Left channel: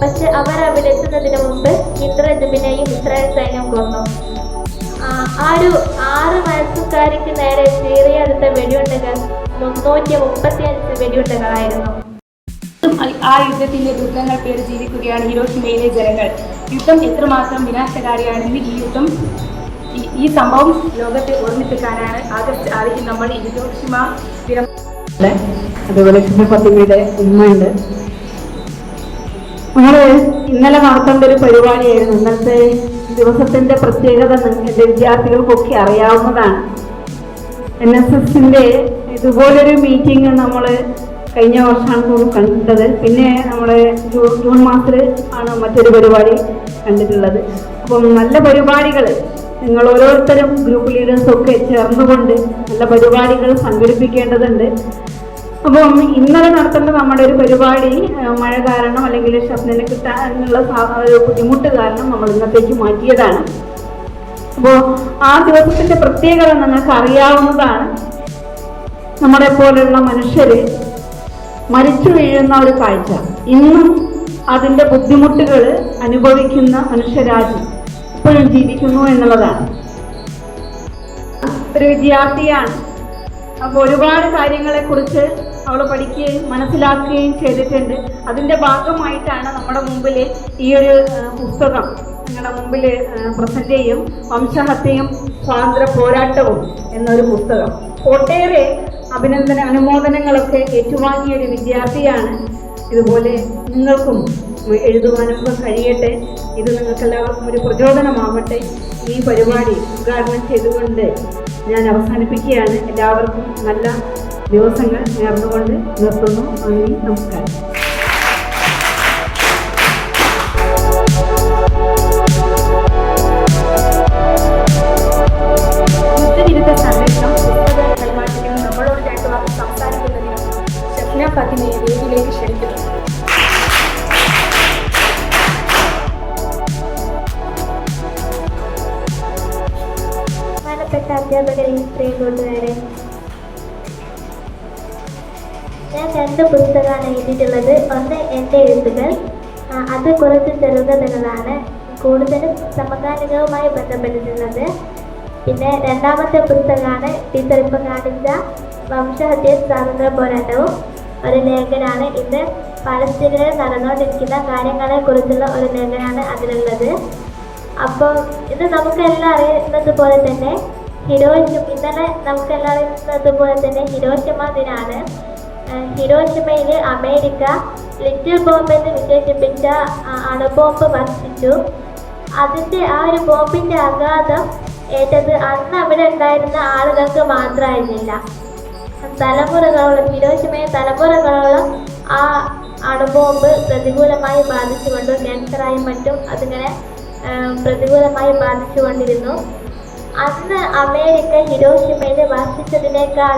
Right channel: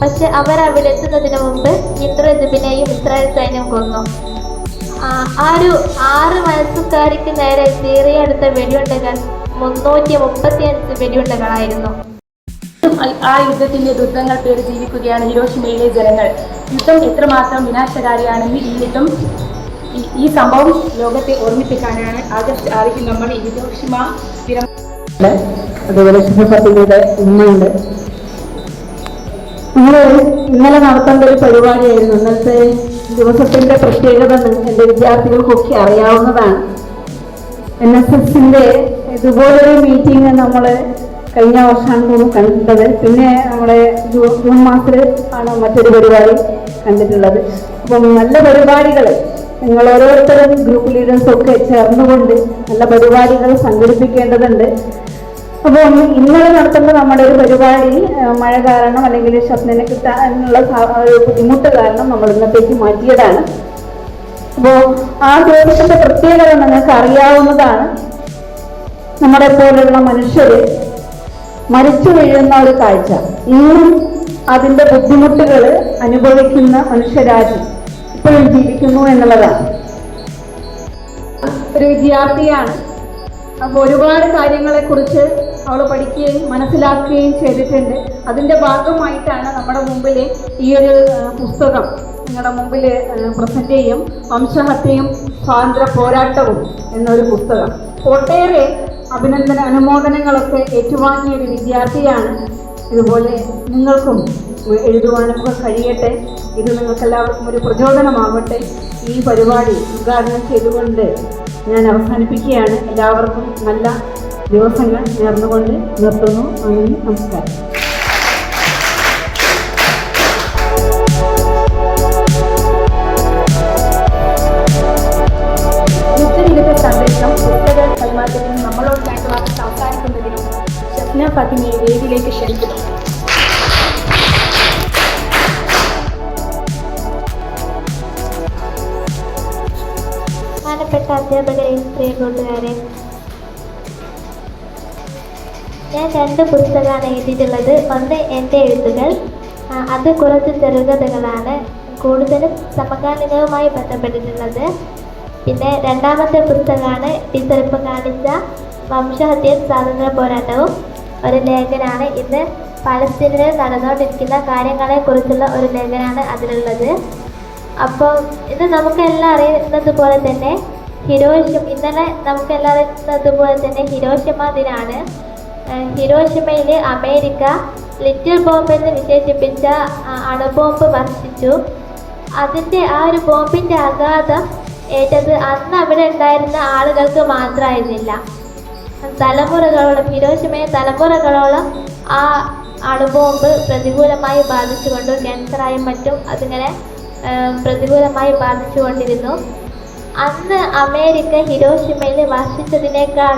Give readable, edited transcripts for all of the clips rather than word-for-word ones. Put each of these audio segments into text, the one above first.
പക്ഷെ അവർ അവിടെ എത്തുന്നതിന് മുമ്പ് ഇന്ദ്രജിബിനെയും ഇസ്രായേൽ സൈന്യം കൊന്നു. ആ ഒരു 6 വയസ്സുകാരിക്ക് നേരെ ചീറിയെടുത്ത വെടിയുണ്ടകൾ 335 വെടിയുണ്ടകളായിരുന്നു. ആ യുദ്ധത്തിന്റെ ദുരിതങ്ങൾ പേര് ജീവിക്കുകയാണ് ഹിരോഷിമയിലെ ജനങ്ങൾ. യുദ്ധം എത്രമാത്രം വിനാശകാരിയാണെന്ന് ഈ സംഭവം ലോകത്തെ ഓർമ്മിപ്പിക്കാനാണ് ആഗസ്റ്റ് 6 നമ്മൾ ഹിരോഷിമ ദിനം. അതുപോലെ ശുഭപത്നിയുടെ ഉമ്മയുണ്ട്. നമ്മൾ ഇന്നലെ നടത്തേണ്ട ഒരു പരിപാടിയായിരുന്നു. ഇന്നലത്തെ ദിവസത്തിന്റെ പ്രത്യേകത എൻ്റെ വിദ്യാർത്ഥികൾക്കൊക്കെ അറിയാവുന്നതാണ്. NSSന്റെ ഇതുപോലൊരു മീറ്റിംഗ് നമ്മൾ കഴിഞ്ഞ വർഷമാണ് കണ്ടത്. പിന്നെ നമ്മളെ ജൂൺ മാസത്തിൽ ആണ് മറ്റൊരു പരിപാടി കണ്ടിട്ടുള്ളത്. അപ്പം നല്ല പരിപാടികൾ നിങ്ങൾ ഓരോരുത്തരും ഗ്രൂപ്പ് ലീഡേഴ്സൊക്കെ ചേർന്നുകൊണ്ട് നല്ല പരിപാടികൾ സംഘടിപ്പിക്കേണ്ടതുണ്ട്. അപ്പം ഇന്നലെ നടത്തുന്ന നമ്മുടെ ഒരു പരിപാടി മഴ കാരണം അല്ലെങ്കിൽ ഷഫ്നനെ കിട്ടാനുള്ള ബുദ്ധിമുട്ട് കാരണം നമ്മൾ ഇന്നത്തേക്ക് മാറ്റിയതാണ്. അപ്പോൾ ആ ദിവസത്തിന്റെ പ്രത്യേകത നിങ്ങൾക്ക് അറിയാവുന്നതാണ്. നമ്മളെ പോലുള്ള മനുഷ്യര് മരിച്ചു വീഴുന്ന ഒരു കാഴ്ച, ഇന്നും അതിന്റെ ബുദ്ധിമുട്ടുകൾ അനുഭവിക്കുന്ന മനുഷ്യരാശി ഇപ്പോഴും ജീവിക്കുന്നു എന്നുള്ളതാണ്. ഒരു വിദ്യാർത്ഥിയാണ്. അപ്പോൾ ഒരുപാട് കാര്യങ്ങളെ കുറിച്ച് അവൾ പഠിക്കുകയും മനസ്സിലാക്കുകയും ചെയ്തിട്ടുണ്ട്. അതിൻ്റെ ഭാഗമായിട്ടാണ് നമ്മുടെ മുമ്പിൽ ഈ ഒരു പുസ്തകം നിങ്ങളുടെ മുമ്പിൽ പ്രസന്റ് ചെയ്യും. വംശഹത്യയും സ്വാതന്ത്ര്യ പോരാട്ടവും എന്നൊരു പുസ്തകം. ഒട്ടേറെ അനുമോദനങ്ങളൊക്കെ ഏറ്റുവാങ്ങിയ ഒരു വിദ്യാർത്ഥിയാണ്. ഇതുപോലെ നിങ്ങൾക്കും എഴുതുവാനൊക്കെ കഴിയട്ടെ. ഇത് നിങ്ങൾക്കെല്ലാവർക്കും ഒരു പ്രചോദനമാവട്ടെ. ഈ പരിപാടി ഉദ്ഘാടനം ചെയ്തുകൊണ്ട് ഞാൻ അവസാനിപ്പിക്കുകയാണ്. എല്ലാവർക്കും നല്ല ദിവസങ്ങൾ നേർന്നുകൊണ്ട് നിർത്തുന്നു. നന്ദി, നമസ്കാരം. യുദ്ധവിരുദ്ധ സന്ദേശം പുസ്തക കൈമാറ്റത്തിനും നമ്മളോട് രണ്ട് വാക്ക് സംസാരിക്കുന്നതിനും ഷഫ്ന ഫാത്തിമയെ വേദിയിലേക്ക് ക്ഷണിക്കുന്നു. ബഹുമാനപ്പെട്ട അധ്യാപകരെ, പ്രിയ കൂട്ടുകാരെ, ഞാൻ 2 പുസ്തകമാണ് എഴുതിയിട്ടുള്ളത്. ഒന്ന് എൻ്റെ എഴുത്തുകൾ, അത് കുറച്ച് ചെറുകഥകളാണ്, കൂടുതലും സമകാലികവുമായി ബന്ധപ്പെട്ടിട്ടുള്ളത്. പിന്നെ രണ്ടാമത്തെ പുസ്തകമാണ് ടീച്ചർ ഇപ്പം കാണിച്ച വംശഹത്യയും സ്വാതന്ത്ര്യ പോരാട്ടവും, ഒരു ലേഖനമാണ്. ഇന്ന് പലസ്തീനിൽ നടന്നുകൊണ്ടിരിക്കുന്ന കാര്യങ്ങളെക്കുറിച്ചുള്ള ഒരു ലേഖനമാണ് അതിലുള്ളത്. അപ്പോൾ ഇത് നമുക്കെല്ലാം അറിയുന്നത് പോലെ തന്നെ ഇന്നലെ നമുക്കെല്ലാം അറിയുന്നതുപോലെ തന്നെ ഹിരോഷിമ ദിനമാണ്. ഹിരോഷിമയിൽ അമേരിക്ക ലിറ്റിൽ ബോംബ് എന്ന് വിശേഷിപ്പിച്ച അണുബോംബ് വർഷിച്ചു. അതിൻ്റെ ആ ഒരു ബോംബിൻ്റെ ആഘാതം ഏറ്റത് അന്ന് അവിടെ ഉണ്ടായിരുന്ന ആളുകൾക്ക് മാത്രമായിരുന്നില്ല, ഹിരോഷിമയെ തലമുറകളോളം ആ അണുബോംബ് പ്രതികൂലമായി ബാധിച്ചുകൊണ്ട് ക്യാൻസറായും മറ്റും അതിങ്ങനെ പ്രതികൂലമായി ബാധിച്ചുകൊണ്ടിരുന്നു. അന്ന് അമേരിക്ക ഹിരോഷിമയിൽ വർഷിച്ചതിനേക്കാൾ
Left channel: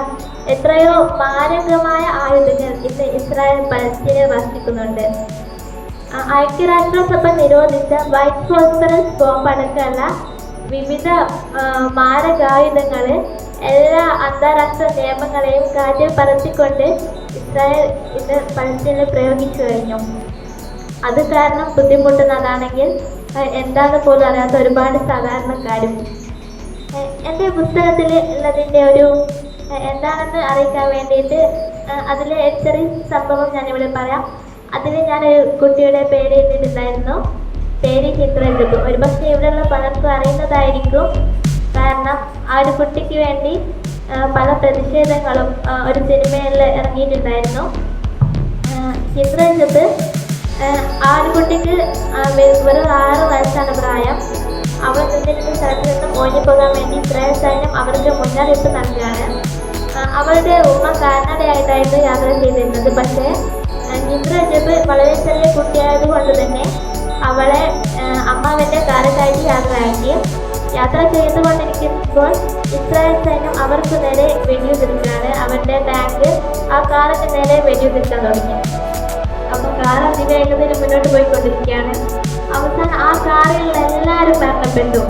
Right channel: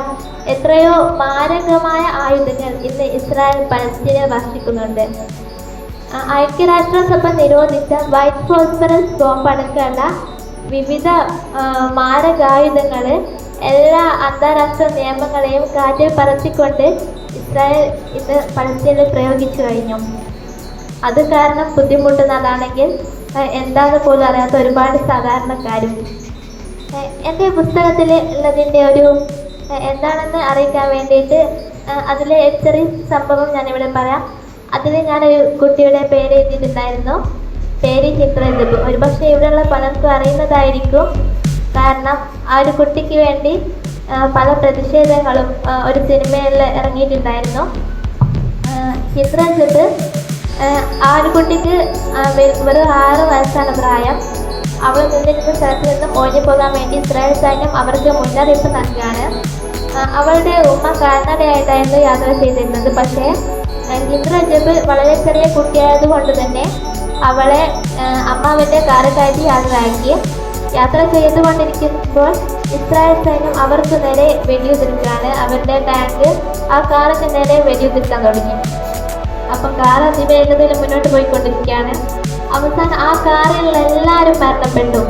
എത്രയോ മാരകമായ ആയുധങ്ങൾ ഇന്ന് ഇസ്രായേൽ പലസ്തീനിൽ വർഷിക്കുന്നുണ്ട്. ഐക്യരാഷ്ട്രസഭ നിരോധിച്ച വൈറ്റ് ഫോസ്ഫറസ് ബോംബ് അടക്കമുള്ള വിവിധ മാരകായുധങ്ങൾ എല്ലാ അന്താരാഷ്ട്ര നിയമങ്ങളെയും കാറ്റിൽ പറത്തിക്കൊണ്ട് ഇസ്രായേൽ ഇന്ന് പലസ്തീനിൽ പ്രയോഗിച്ചു കഴിഞ്ഞു. അത് കാരണം ബുദ്ധിമുട്ടുന്നതാണെങ്കിൽ എന്താണെന്ന് പോലും അറിയാത്ത ഒരുപാട് സാധാരണക്കാരും. എൻ്റെ പുസ്തകത്തിൽ ഉള്ളതിൻ്റെ ഒരു എന്താണെന്ന് അറിയിക്കാൻ വേണ്ടിയിട്ട് അതിലെ ചെറിയ സംഭവം ഞാനിവിടെ പറയാം. അതിൽ ഞാനൊരു കുട്ടിയുടെ പേര് എഴുതിയിട്ടുണ്ടായിരുന്നു. പേര് ഹിന്ദ്രജിബ്. ഒരുപക്ഷെ ഇവിടെയുള്ള പലർക്കും അറിയുന്നതായിരിക്കും. കാരണം ആ ഒരു കുട്ടിക്ക് വേണ്ടി പല പ്രതിഷേധങ്ങളും ഒരു സിനിമയിൽ ഇറങ്ങിയിട്ടുണ്ടായിരുന്നു. ഹിന്ദ്രജിബ് ആ ഒരു കുട്ടിക്ക് ഒരു 6 വയസ്സാണ് പ്രായം. അവൾ നിന്നിരുന്ന സ്ഥലത്ത് നിന്നും ഓടിപ്പോകാൻ വേണ്ടി ഇസ്രായേൽ സൈന്യം അവർക്ക് മുന്നറിയിപ്പ് നൽകുകയാണ്. അവളുടെ ഉമ്മ കാൽനടയായിട്ടായിരുന്നു യാത്ര ചെയ്തിരുന്നത്. പക്ഷേ ഹിന്ദ്രജിബ് വളരെ ചെറിയ കുട്ടിയായതുകൊണ്ട് തന്നെ അവളെ അമ്മാവൻ്റെ കാറ് കയറ്റി യാത്ര ചെയ്തുകൊണ്ടിരിക്കുമ്പോൾ ഇസ്രായേൽ സൈന്യം അവർക്ക് നേരെ വെടിയുതിർക്കുകയാണ്. അവരുടെ ടാങ്ക് ആ കാറിന് നേരെ വെടിയുതിർക്കാൻ തുടങ്ങി. അപ്പം കാർ അതിവേഗത്തിൽ മുന്നോട്ട് പോയിക്കൊണ്ടിരിക്കുകയാണ്. അവസാനം ആ കാറിലുള്ള എല്ലാവരും മരണപ്പെട്ടു.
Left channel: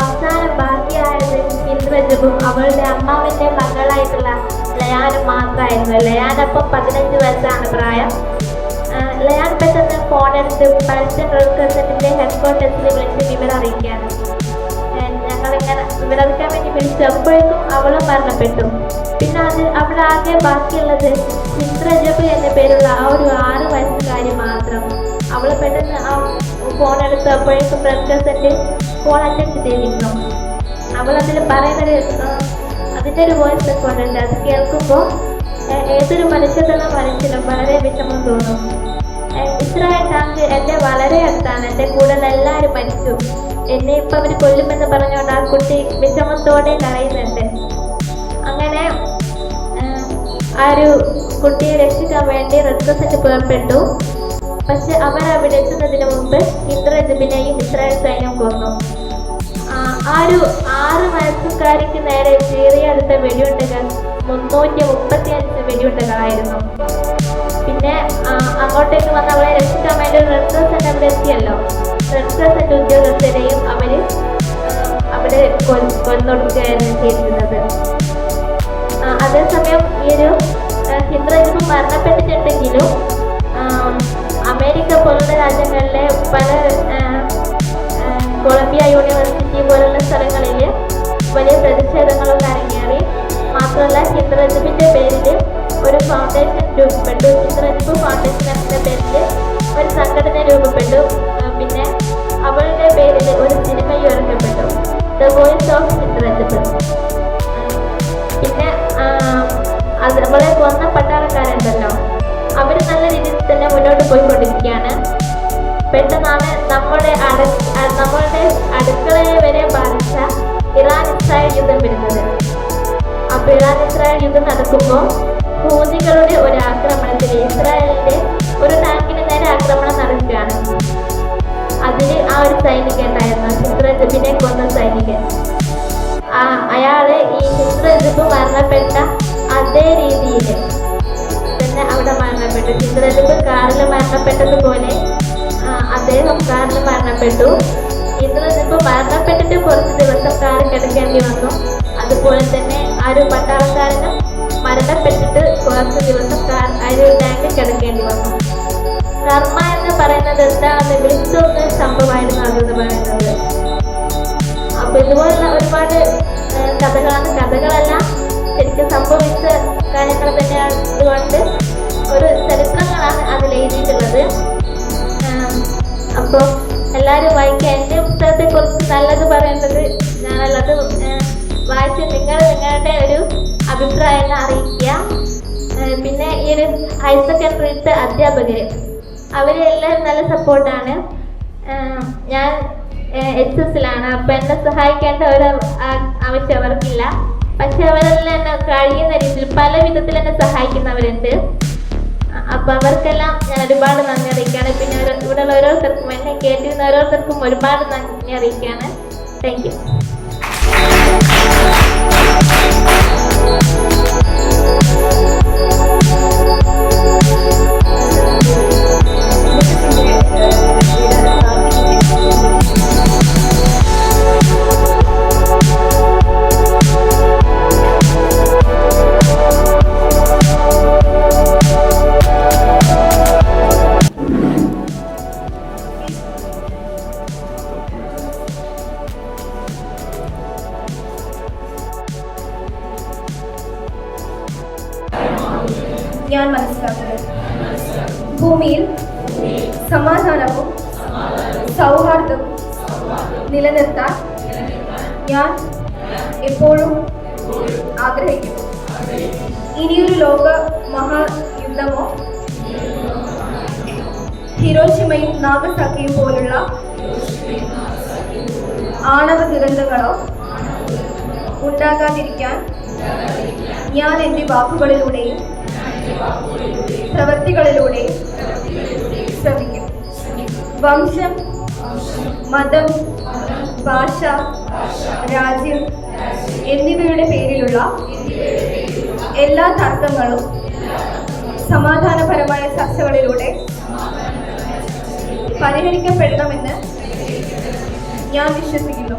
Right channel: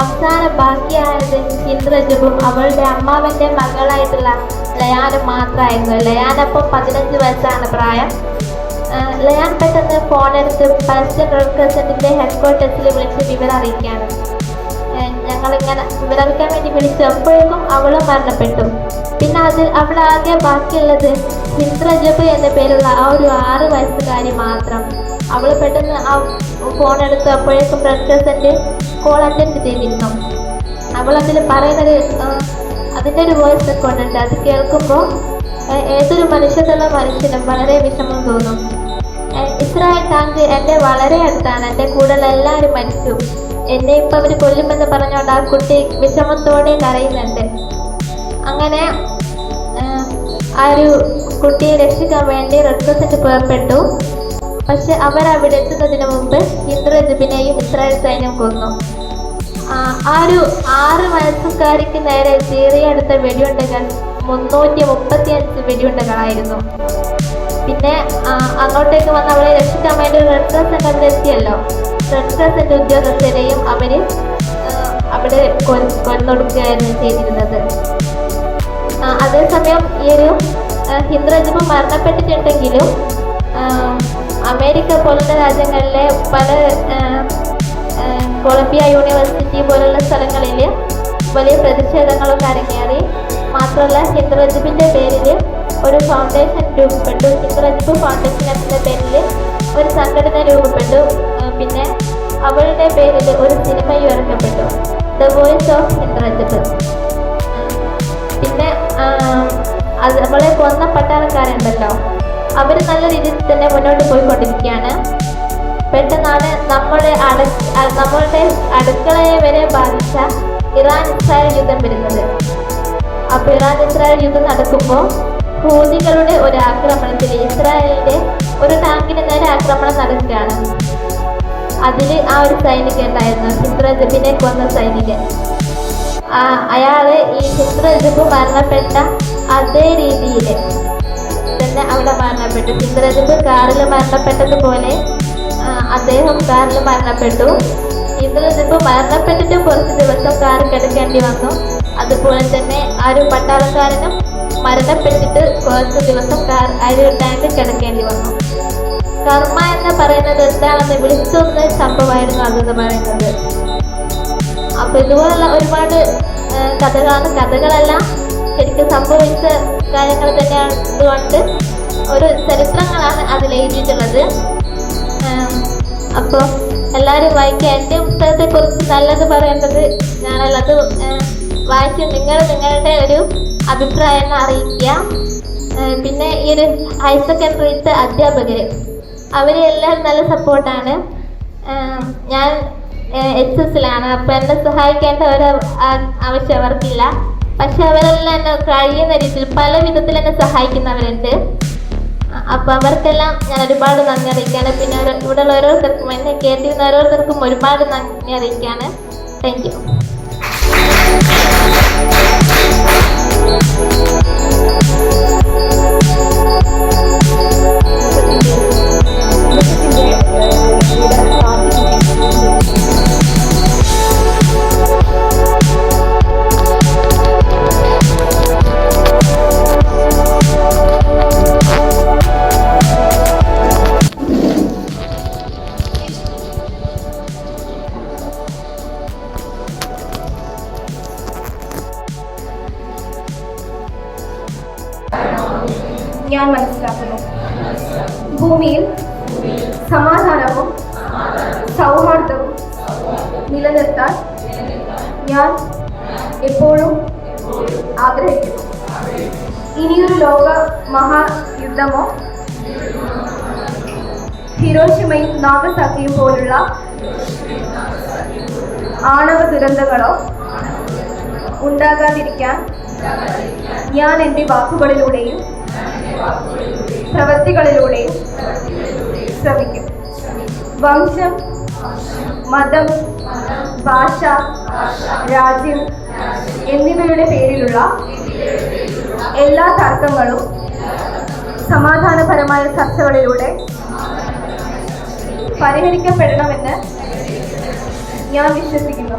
അവസാനം ബാക്കിയായത് ഹിന്ദ്രജിബും അവളുടെ അമ്മാവൻ്റെ മകളായിട്ടുള്ള ലയാനും മാത്രമായിരുന്നു. ലയാനപ്പം 15 വയസ്സാണ് പ്രായം. ലയാൻ പെട്ടെന്ന് ഫോണെടുത്ത് പലസ്തീൻ റെഡ് ക്രസൻറ്റിൻ്റെ ഹെഡ്ക്വാർട്ടേഴ്സിൽ വിളിച്ച് വിവരം അറിയിക്കുകയാണ്. ഞങ്ങളിങ്ങനെ വിവരറിയിക്കാൻ വേണ്ടി വിളിച്ചു. അപ്പോഴേക്കും അവളും മരണപ്പെട്ടു. പിന്നെ അവിടെ ആകെ ബാക്കിയുള്ളത് ഹിന്ദ് റജബ് എന്ന പേരുള്ള ആ ഒരു 6 വയസ്സുകാരി മാത്രം. അവൾ പെട്ടെന്ന് ആ ഫോണെടുത്ത് അപ്പോഴേക്കും റെഡ് ക്രസൻറ്റ് കോൾ അറ്റൻഡ് ചെയ്തിരുന്നു. അവൾ അതിൽ പറയുന്നത് അതിൻ്റെ ഒരു വോയിസ് റെക്കോർഡുണ്ട്. അത് കേൾക്കുമ്പോൾ ഏതൊരു മനുഷ്യത്തുള്ള മനുഷ്യനും വളരെ വിഷമം തോന്നും. ഇസ്രായേൽ ടാങ്ക് എൻ്റെ വളരെ അടുത്താണ്. എൻ്റെ കൂടെയുള്ള എല്ലാവരും മരിച്ചു. എന്നെ ഇപ്പം അവർ കൊല്ലുമെന്ന് പറഞ്ഞുകൊണ്ട് ആ കുട്ടി വിഷമത്തോടെ കരയുന്നുണ്ട്. അങ്ങനെ ആ ഒരു കുട്ടിയെ രക്ഷിക്കാൻ വേണ്ടി റെഡ് ക്രസൻറ്റ് പുറപ്പെട്ടു. പക്ഷെ അവർ അവിടെ എത്തുന്നതിന് മുമ്പ് ഹിന്ദ് റജബിനെയും ഇസ്രായേൽ സൈന്യം കൊന്നു. ആ ഒരു 6 വയസ്സുകാരിക്ക് നേരെ ചീറിയെടുത്ത വെടിയുണ്ടകൾ 335 വെടിയുണ്ടകളായിരുന്നു. പിന്നെ അങ്ങോട്ടേക്ക് വന്ന് അവളെ രക്ഷിക്കാൻ വേണ്ടി റെഡ് ക്രസൻറ്റ് അവിടെ എത്തിയല്ലോ. റെഡ് ക്രസൻറ്റ് ഉദ്യോഗസ്ഥരെയും അവർ അവിടെ കൊന്നൊടുക്കുകയായിരുന്നു ചെയ്തിരുന്നത്. അതേസമയം ഈ ഒരു ഹിന്ദ് റജബ് മരണപ്പെട്ടിട്ടുണ്ടെങ്കിലും അമേരിക്ക പോലുള്ള രാജ്യങ്ങളിലെ പല കൊളംബിയ യൂണിവേഴ്സിറ്റി പോലുള്ള സ്ഥലങ്ങളിൽ വലിയ പ്രതിഷേധങ്ങളൊക്കെ അരങ്ങേറി. മാത്രമല്ല ഹിന്ദ് റജബിൻ്റെ പേരിൽ ഒരു ഫൗണ്ടേഷൻ രൂപപ്പെട്ടു. ഹിന്ദ് റജബ് ഫൗണ്ടേഷൻ എന്ന പേരിൽ ഒരു സംഘടന രൂപപ്പെട്ടു. പിന്നെ അവളുടെ പേരിൽ ഒരു സിനിമയും ഇറക്കപ്പെട്ടു, ദ വോയിസ് ഓഫ് ഹിന്ദ് റജബ്. പിന്നെ അവളെ കൊന്ന പട്ടാളക്കാരുണ്ടല്ലോ, അവർ നല്ല രീതിയിൽ തന്നെ മുന്നോട്ട് പോയിക്കൊണ്ടിരിക്കുകയാണ്. പെട്ടെന്നാണ് നമ്മളുടെ അടുക്കളയെ വരെ ബാധിച്ച ഇറാൻ ഇസ്രായേൽ യുദ്ധം വരുന്നത്. അപ്പോൾ ഇറാൻ ഇസ്രായേൽ യുദ്ധം നടക്കുമ്പോൾ ഹൂതികളുടെ ഒരു ആക്രമണത്തിൽ ഇസ്രായേലിൻ്റെ ഒരു ടാങ്കിന് നേരെ ആക്രമണം നടക്കുകയാണ്. അതിൽ ആ ഒരു സൈനികൻ ഉണ്ടായിരുന്നു, ഹിന്ദ് റജബിനെ കൊന്ന സൈനികൻ. അയാള് ഈ ഹിന്ദ് റജബ് മരണപ്പെട്ട അതേ രീതിയിൽ തന്നെ അവിടെ മരണപ്പെട്ടു. ഹിന്ദ് റജബ് കാറിൽ മരണപ്പെട്ടതുപോലെ അദ്ദേഹം കാറിൽ മരണപ്പെട്ടു. ഹിന്ദ് റജബ് മരണപ്പെട്ടിട്ട് കുറച്ച് ദിവസം കാർ കിടക്കേണ്ടി വന്നു. അതുപോലെ തന്നെ ആ ഒരു പട്ടാളക്കാരനും മരണപ്പെട്ടിട്ട് കുറച്ച് ദിവസം ആ ഒരു ടാങ്കിൽ കിടക്കേണ്ടി വന്നു. കർമ്മ എന്ന് പറയുന്നത് എന്താണെന്ന് വിളിച്ചൊന്ന് സംഭവമായിരുന്നു അതെന്ന് പറയുന്നത്. അപ്പോൾ ഇതുപോലുള്ള ഒരുപാട് കഥകളെല്ലാം ശരിക്കും സംഭവിച്ച കാര്യങ്ങൾ തന്നെയാണ്. അതുകൊണ്ട് ഒരു ചരിത്രങ്ങളാണ് അതിൽ എഴുതിയിട്ടുള്ളത്. അപ്പോൾ എല്ലാവരും വായിക്കുക. എൻ്റെ പുസ്തകത്തെക്കുറിച്ച് നല്ലത് പറയുന്നത് ഞാനല്ലത് വായിച്ച് നിങ്ങളുടെ ഒരു അഭിപ്രായം അറിയിക്കുക. പിന്നെ ഈ ഒരു ഹയർ സെക്കൻഡറിയിലത്തെ അധ്യാപകർ അവരെല്ലാവരും നല്ല സപ്പോർട്ടാണ്. ഞാൻ HSലാണ്. അപ്പോൾ എന്നെ സഹായിക്കേണ്ട ഒരു ആവശ്യം അവർക്കില്ല. പക്ഷെ അവരെല്ലാം എന്നെ കഴിയുന്ന രീതിയിൽ പല വിധത്തിൽ എന്നെ സഹായിക്കുന്നവരുണ്ട്. അപ്പോൾ അവർക്കെല്ലാം ഞാൻ ഒരുപാട് നന്ദി അറിയിക്കുകയാണ്. പിന്നെ ഇവിടെയുള്ള ഓരോരുത്തർക്കും എന്നെ കേട്ടിരുന്ന ഓരോരുത്തർക്കും ഒരുപാട് നന്ദി അറിയിക്കുകയാണ്. Thank you. ഞാൻ മനസ്സിലാക്കുന്നു, ഭൂമിയിൽ സമാധാനവും സൗഹാർദ്ദവും നിലനിർത്താൻ ഞാൻ എപ്പോഴും ആഗ്രഹിക്കുന്നു. ഇനിയൊരു ലോക മഹായുദ്ധമോ ഹിരോഷിമയും നാഗസാക്കിയും പോലുള്ള ആണവ ദുരന്തങ്ങളോ ഉണ്ടാകാതിരിക്കാൻ ഞാൻ എൻ്റെ വാക്കുകളിലൂടെയും പ്രവൃത്തികളിലൂടെയും ശ്രമിക്കും. വംശം, മതം, ഭാഷ, രാജ്യം എന്നിവയുടെ പേരിലുള്ള എല്ലാ തർക്കങ്ങളും സമാധാനപരമായ ചർച്ചകളിലൂടെ പരിഹരിക്കപ്പെടണമെന്ന് ഞാൻ വിശ്വസിക്കുന്നു.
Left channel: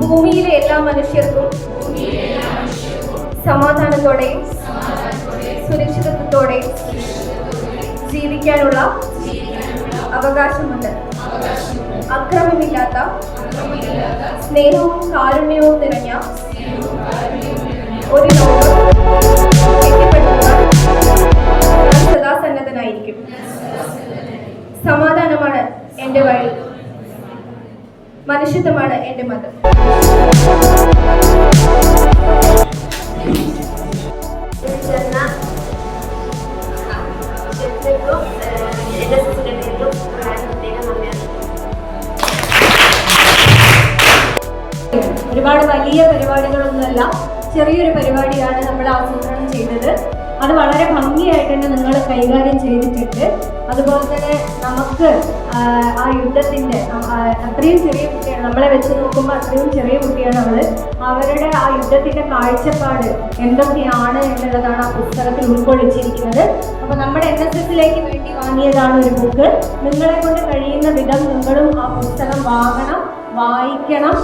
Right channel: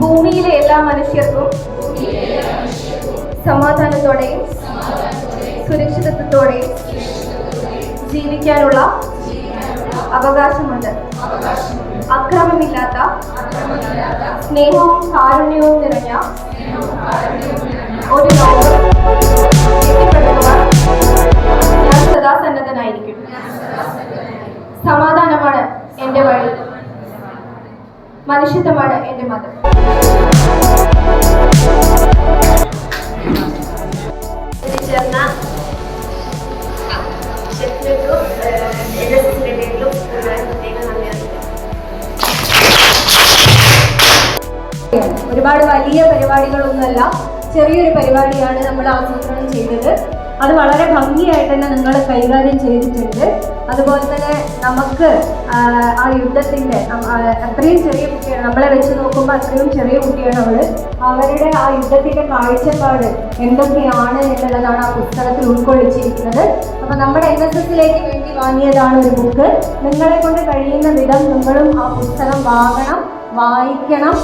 ഭൂമിയിലെ എല്ലാ മനുഷ്യർക്കും സമാധാനത്തോടെയും സുരക്ഷിതത്വത്തോടെയും ജീവിക്കാനുള്ള അവകാശമുണ്ട്. അക്രമമില്ലാത്ത സ്നേഹവും കാരുണ്യവും നിറഞ്ഞ ഒരു ലോകം കെട്ടിപ്പടുക്കുവാൻ ഞാൻ സദാ സന്നദ്ധനായിരിക്കും. സമാധാനമാണ് എൻ്റെ വഴി, മനുഷ്യത്വമാണ് എൻ്റെ മതം. ചേർന്ന ഷെഫിനും NSSന്റെ പേരിലും പ്രത്യേകം നന്ദി. ഒരുപാട് വലിയ പരിപാടികളൊന്നുമല്ല, ചെറിയൊരു പരിപാടിയാണ് നമ്മൾ ആസൂത്രണം ചെയ്തത്. അത് വളരെ ഭംഗിയായിട്ട് തന്നെ നിങ്ങൾ കൈകാര്യം ചെയ്തിട്ടുണ്ട്. അതുപോലെ തന്നെ നമുക്ക് ആ യുദ്ധത്തിൻ്റെ അത്രയും ചെറിയ കുട്ടിയാണ്, നമ്മളെ വെച്ച് നോക്കുമ്പോൾ അത്രയും ചെറിയ കുട്ടിയാണ് അവരുടെ ആ യുദ്ധത്തിൻ്റെ കാഴ്ചപ്പാട് എന്തൊക്കെയാണ് എന്നുള്ളതാണ് ആ പുസ്തകത്തിൽ ഉൾക്കൊള്ളിച്ചിരിക്കുന്നത്. അപ്പോൾ നമ്മുടെ NSSലേക്ക് വേണ്ടി വാങ്ങിയതാണ് ഒരു ബുക്ക്. നിങ്ങളെ കൊണ്ട് കഴിയുന്ന വിധം നിങ്ങളും ആ പുസ്തകം വായിക്കണം.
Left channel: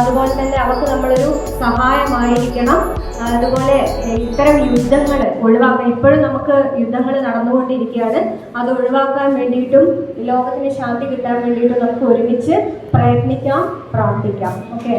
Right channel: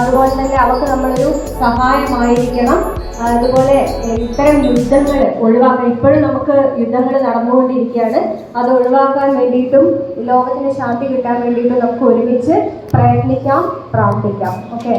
അതുപോലെ തന്നെ അവർക്ക് നമ്മളൊരു സഹായമായിരിക്കണം. അതുപോലെ ഇത്തരം യുദ്ധങ്ങൾ ഒഴിവാക്കാൻ, ഇപ്പോഴും നമുക്ക് യുദ്ധങ്ങൾ നടന്നുകൊണ്ടിരിക്കുകയാണ്, അത് ഒഴിവാക്കാൻ വേണ്ടിയിട്ടും ലോകത്തിന് ശാന്തി കിട്ടാൻ വേണ്ടിയിട്ടും നമുക്ക് ഒരുമിച്ച് പ്രയത്നിക്കാം, പ്രാർത്ഥിക്കാം. ഓക്കെ.